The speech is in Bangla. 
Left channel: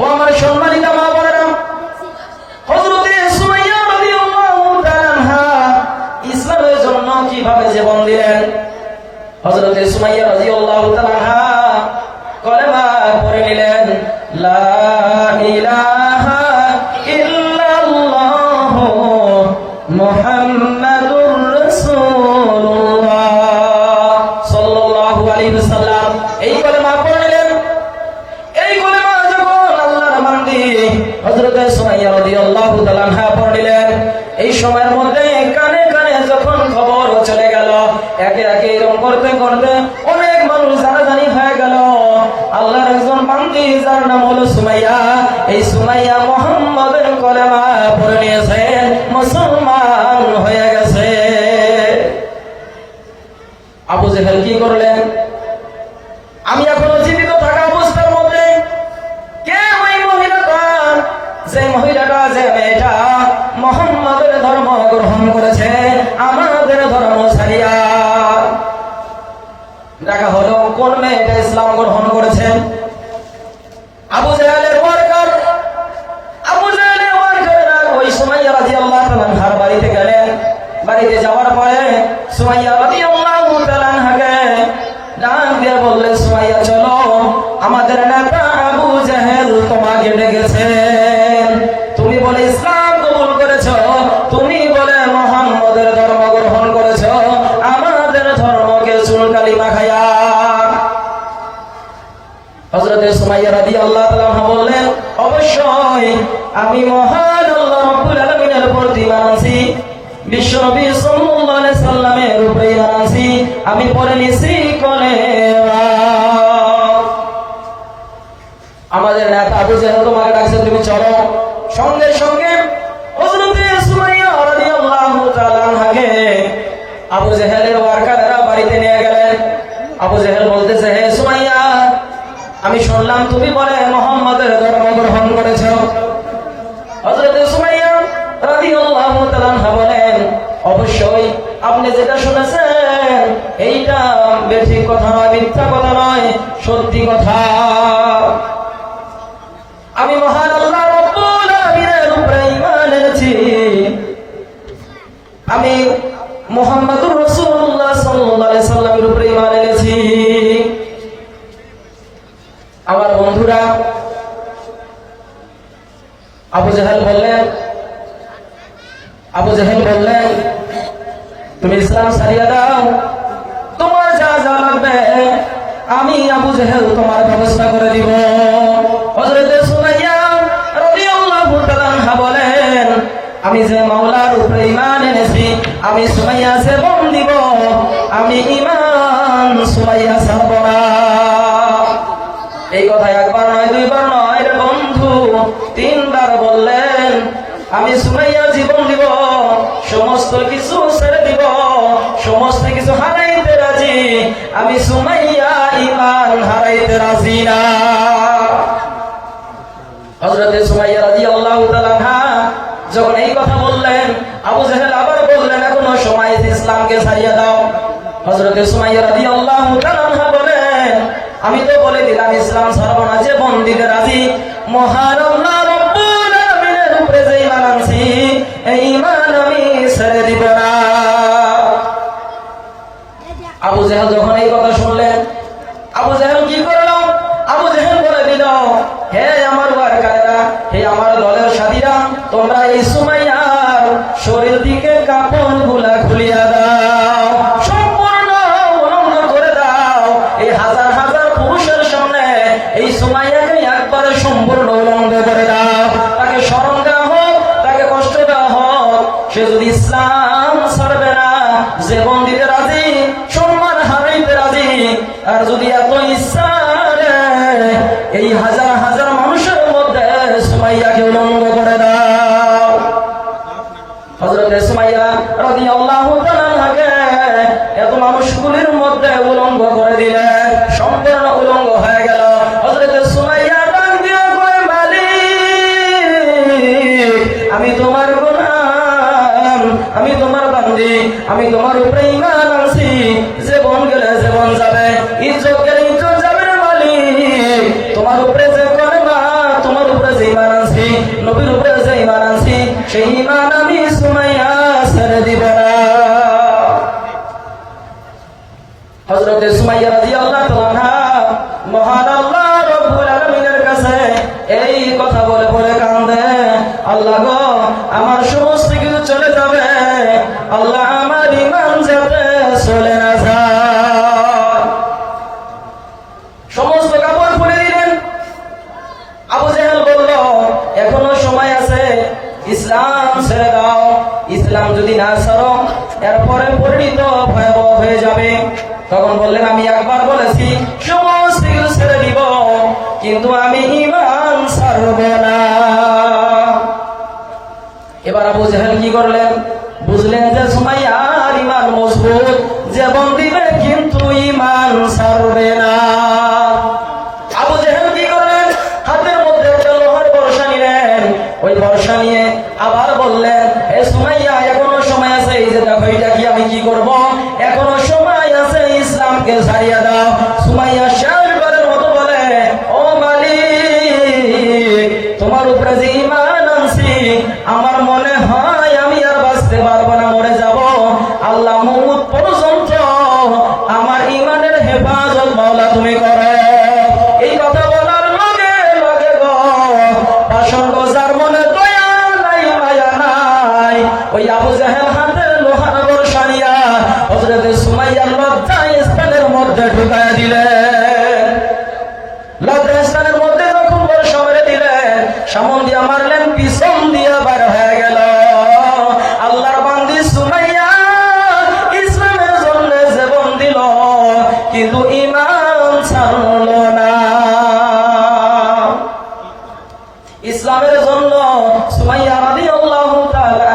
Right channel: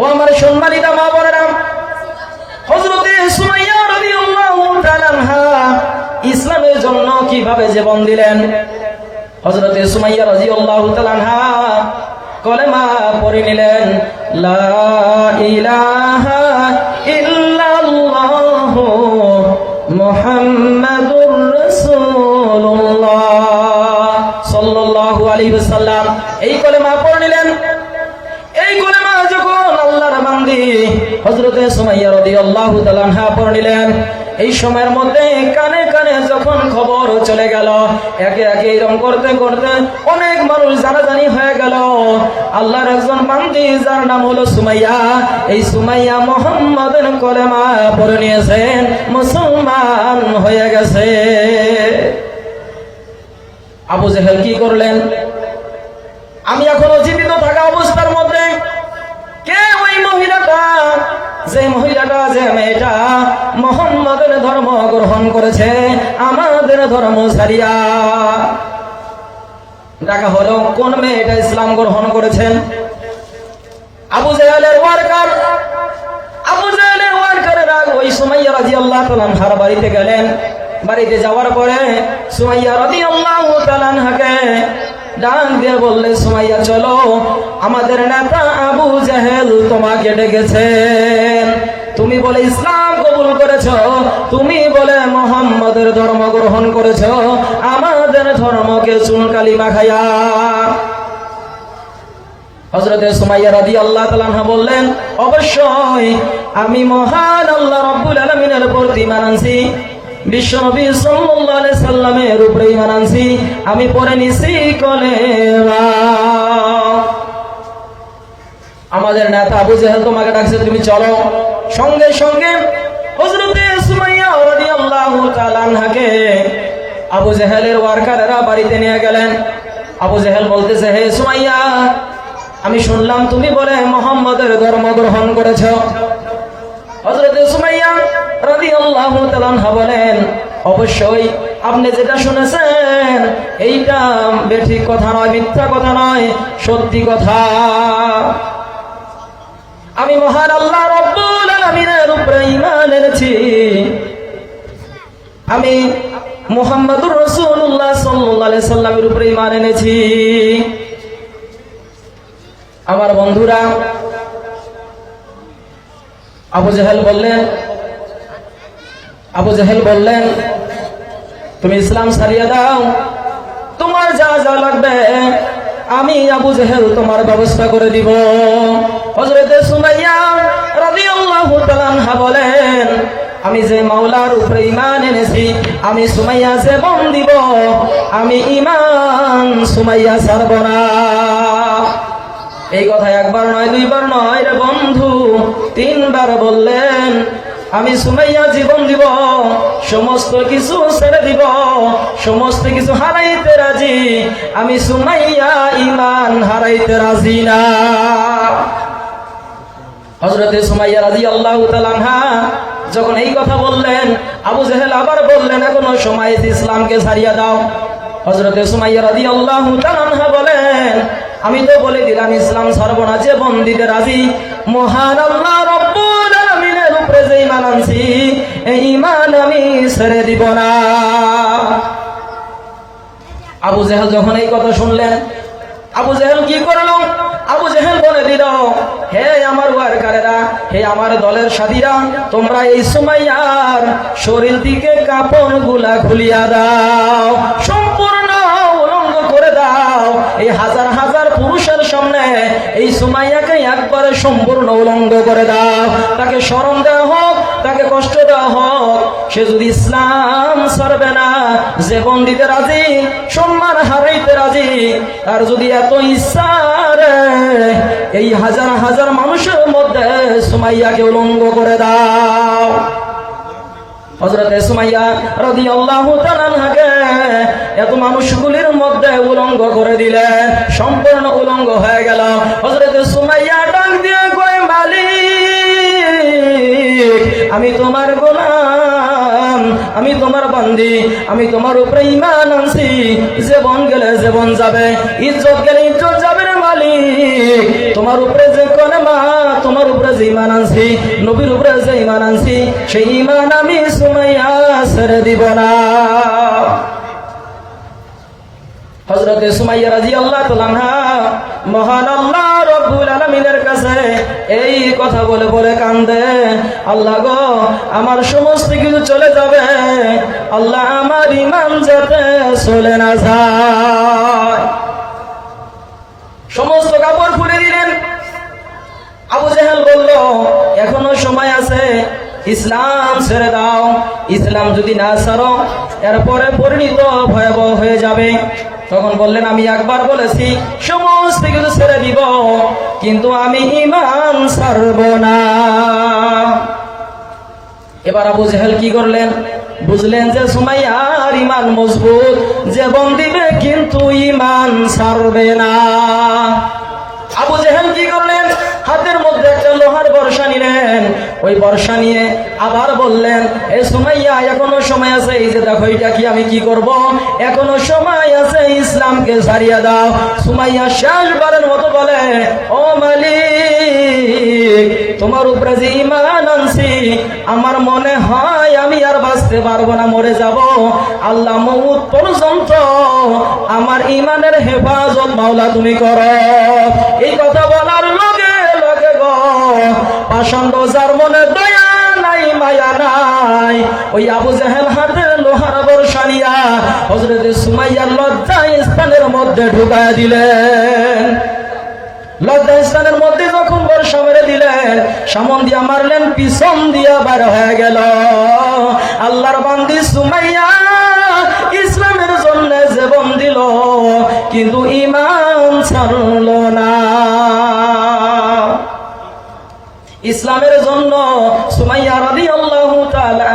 ও আমার সম্মানিত মা বোনেরা, হযরতে সুমাইয়া রাদিয়াল্লাহু তাআলা আনহা ইসলামের জন্য কিভাবে জীবন দিলেন। হযরতে সুমাইয়া রাদিয়াল্লাহু তাআলা আনহা কলেমা পড়ে নিলেন, লা ইলাহা ইল্লাল্লাহু মুহাম্মাদুর রাসূলুল্লাহ সাল্লাল্লাহু আলাইহি ওয়াসাল্লাম। এই কলেমা পড়ে নিলেন। এই কলেমা যখন আল্লাহর বান্দি হযরতে সুমাইয়া রাদিয়াল্লাহু তাআলা আনহা পড়ে নিলেন, এই সময়ের মধ্যে কানে কানে যখন খবর চলে গেল, একে একে এরকম করতে করতে অনেক মানুষ জানাজানি হয়ে গেল। আল্লাহর একজন বান্দি যার নাম হলো সুমাইয়া, এই সুমাইয়া মুহাম্মাদের কলেমা পড়ে নিয়েছেন, মুসলমান হয়ে গেছে। আবু জেহেল কি করলেন? আমি এখনো জীবিত থাকা অবস্থার মধ্যে কে ওই মহিলাটা, যে মহিলাটা, যে মেয়েটা মুহাম্মাদের ধর্ম গ্রহণ করেছে, আমাদের ধর্ম ছাড়িয়া। ডাকা হলো, কোন মেয়েটা ইসলাম গ্রহণ করেছেন? আবু জেহেলের ওয়ার্কার, আবু জেহেলের ওয়ার্কারেরা ওই সুমাইয়া রাদিয়াল্লাহু তাআলা আনহার বাড়িতে গেলেন। বাড়িতে যাওয়ার পরে সুমাইয়া রাদিয়াল্লাহু তাআলা আনহাকে ডাক দিয়ে বললেন, সুমাইয়া চলো, আমাদের নেতা আবু জেহেল তোমাকে ডেকেছেন। তুমি বলে ইসলাম কবুল করেছো, তুমি বলে মুহাম্মাদের ধর্ম গ্রহণ করেছো, আমাদের ধর্মকে চুনকালি মাখাইয়া। হযরতে সুমাইয়া রাদিয়াল্লাহু তাআলা আনহা বললেন, অবশ্যই আমি মহান আল্লাহ রাব্বুল আলামিনের প্রতি ঈমান আনছি, বিশ্বনবী সাল্লাল্লাহু আলাইহি সাল্লামের উপরে ঈমান আনছি, আমি পড়ে নিছি কলেমা। আমাদের নেতা আবু জেহেল তোমাকে ডাকছে, তুমি চলো। সঙ্গে সঙ্গে হযরতে সুমাইয়া রাদিয়াল্লাহু তাআলা আনহাকে আবু জেহেলের ওয়ার্কারেরা বাড়িতে নিয়ে গেলেন। আবু জেহেল বলতেছে, হে সুমাইয়া, আমি শুনলাম তুমি বলে মুহাম্মাদের ধর্ম গ্রহণ করেছো। হযরতে সুমাইয়া রাদিয়াল্লাহু তাআলা আনহা বলেন, অবশ্যই আপনি যেটা শুনেছেন এইটা বেঠিক কথা নয়, মিথ্যা কথা নয়, সত্যি কথা। আমি মহান আল্লাহ রাব্বুল আলামিনের উপরে ঈমান এনেছি, আমি মুহাম্মাদুর রাসূলুল্লাহ সাল্লাল্লাহু আলাইহি সাল্লামের উপরে ঈমান এনেছি। আমার বন্ধুরা, আবু জেহেল বললেন, তুমি ইসলাম ছাড়িয়ে দাও, তোমার যা যা লাগবে আমি আবু জেহেল তোমার ব্যবস্থা করে দিব। হযরতে সুমাইয়া রাদিয়াল্লাহু তাআলা আনহা বলেন, আমি যে মাওলার উপরে ঈমান এনেছি, আমি সুমাইয়া জীবন দিব, আমি ঈমান সুমাইয়া ছাড়ব না। এই কথা একবার নয়, দুইবার নয়, রে বন্ধু, তিনবার বললেন, আমি সুমাইয়া জীবন দিব, সমস্ত কিছু ছেড়ে দিব, সমস্ত কিছু হারাইতে রাজি, আমি সুমাইয়া ঈমান হারাইতে রাজি না। হযরতে সুমাইয়া রাদিয়াল্লাহু তাআলা আনহা যখন এই কথা বললেন, আবু জেহেল আবার বললেন, এখনো সময়, ইসলামকে ছাড়িয়ে দাও। হযরতে সুমাইয়া রাদিয়াল্লাহু তাআলা আনহা বলেন, আমি তো বলে দিলাম ইসলাম ছাড়ব না, জীবন দিতে রাজি, মহান আল্লাহ রাব্বুল আলামিনের উপরে যে ঈমান আনছি, এই ঈমান আমি ছেড়ে দিব না। আবু জেহেল যখন এই কথা শুনলেন, আবু জেহেল কি করল? আবু জেহেল বলে দিল, হে আমার ওয়ার্কারেরা, হে আমার দলের সাথীরা, তোমরা এই সুমাইয়ার শরীর থেকে কাপড়গুলা খুলিয়া দাও, সম্পূর্ণ উলঙ্গ করে দাও। এই হাজার হাজার পুরুষের সামনে এই সুমাইয়াকে একবারে সম্পূর্ণ উলঙ্গ করে দাও। তাকে শরম দেওয়া হোক, তাকে কষ্ট দেওয়া হোক, সে যদি ইসলাম ছাড়বে না, জীবন দিতে রাজি, সম্মান হারাইতে রাজি, আর যদি এত ইচ্ছা এই হাজার হাজার মানুষের মধ্যে সুমাইয়াকে উলঙ্গ করে দাও। হযরতে সুমাইয়া রাদিয়াল্লাহু তাআলা আনহাকে এত মানুষগুলির মধ্যে উলঙ্গ করে দিলে, সম্পূর্ণ উলঙ্গ হয়ে গেল। হযরতে সুমাইয়া ডাক দিয়ে কয়, মালিক, আমি তোমার গোলাম, আমি তোমার বান্দি, আমি তোমার উপরে ঈমান আনছি, জীবন গেলে জীবন যাবে, ইজ্জত গেলে ইজ্জত যাবে। মালিক, তোমার উপরে যে কলেমা, তোমার ইসলাম ছেড়ে দাও, ইসলাম যদি না ছাড়ো এরপরে পরিণত ভয়াবহ হয়ে যাবে। তখন বললেন, আমি একবার বলেছি সমস্ত কিছু ছেড়ে দিব, কিন্তু আমি ঈমান ছাড়ব না। এবার আবু জেহেল কি করলেন? বুঝলেন যে সুমাইয়ার ঈমান মজবুত, জীবন দিবে কিন্তু ঈমান ছাড়বে না। আবু জেহেল কি করলেন? হাতের মধ্যে একটা লোহার বর্ষা নিলেন। ওই বর্ষা নিয়ে আবার বললেন, এ সুমাইয়া, এখনো সময় আছে। এই যে দেখো, এটা কি আমি কি করব? এখনো সময় আছে, ইসলামকে ছাড়িয়ে দাও। সুমাইয়া শেষবারের মতো বলে, ও মালিক, তোমার উপরে যে ঈমান আনছি, আমার মনে হয় আমি আর বাঁচতে পারবো না, মরে যাব। আল্লাহ মউত পর্যন্ত আমার ঈমানের হেফাজত মাওলা তুমি করো। এই কথা বলার লগে লগে গো পাষণ্ড যার মনে দয়া নাই মায়া নাই, ওই আবু জেহেল হাতে লোহার বর্ষা নিয়া হযরত সুমাইয়ার লজ্জা স্থানের মধ্যে ঢুকায় দিলেন। লজ্জা স্থানের মধ্যে যখন বর্ষা মেরে দিলেন, সামন দিয়া মারলেন, পিছন দিয়া বের হয়ে গেল। আল্লাহর বান্দি সুমাইয়া ইসলামের জন্য জীবন দিল, কিন্তু ঈমান ছাড়ল না। ইসলামের জন্য সুমাইয়া রাদিয়াল্লাহু তাআলা